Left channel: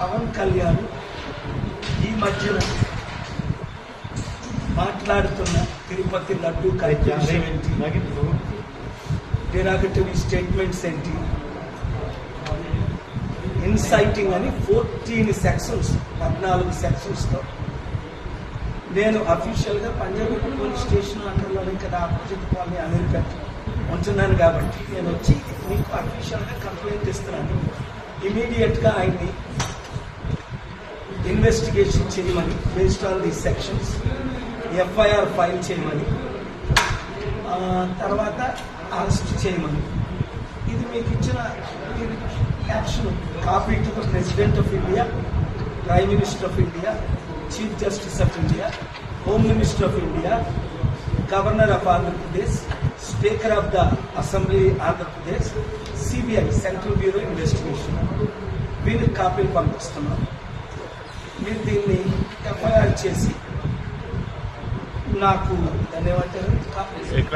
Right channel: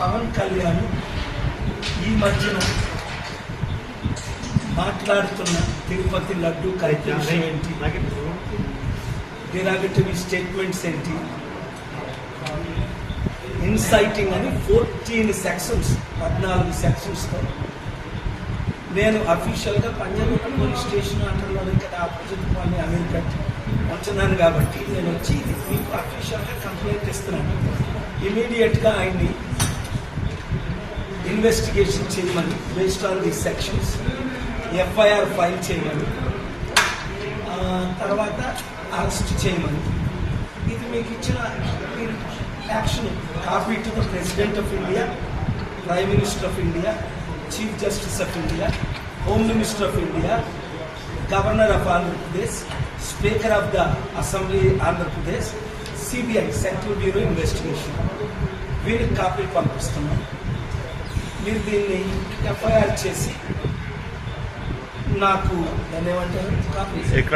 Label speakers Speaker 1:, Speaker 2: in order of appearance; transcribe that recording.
Speaker 1: పవన్ కళ్యాణ్ ఈ మధ్యన మాట్లాడుతున్న తిరుపతి లడ్డు కార్యక్రమం ఏంటి డెరాగటివ్ స్టేట్మెంట్స్ ఏంటి ఇన్సైటింగ్ అని ఫోర్టీన్ సెక్షన్స్ పద్నాలుగు సెక్షన్స్తో నేను అఫీషియల్గా పంజాబ్ పోలీస్ స్టేషన్ అంటర్లో ఇక్కడ ఆపోజిట్ వాళ్ళని అమెరికా ఉంటున్నాను కాబట్టి నేను వచ్చి మీకు అఫీషియల్గా కంప్లైంట్ ఇస్తున్నాను ఇమీడియట్గా ఆయన్ని ఇన్వెస్టిగేషన్ చేయమని based on the sections FIR file చేయమని తర్వాత అరెస్ట్ చేయమని ఇది మీకు ఇచ్చిన action copy to the president of India prime minister of India chief justice of India home minister of India governor of Andhra Pradesh speaker of the assembly Andhra Pradesh CBI central bureau investigation వీళ్ళకి copy పంపిస్తున్నాం మీరు దీన్ని FIR చేసి నాకు ధన్యవాదాలు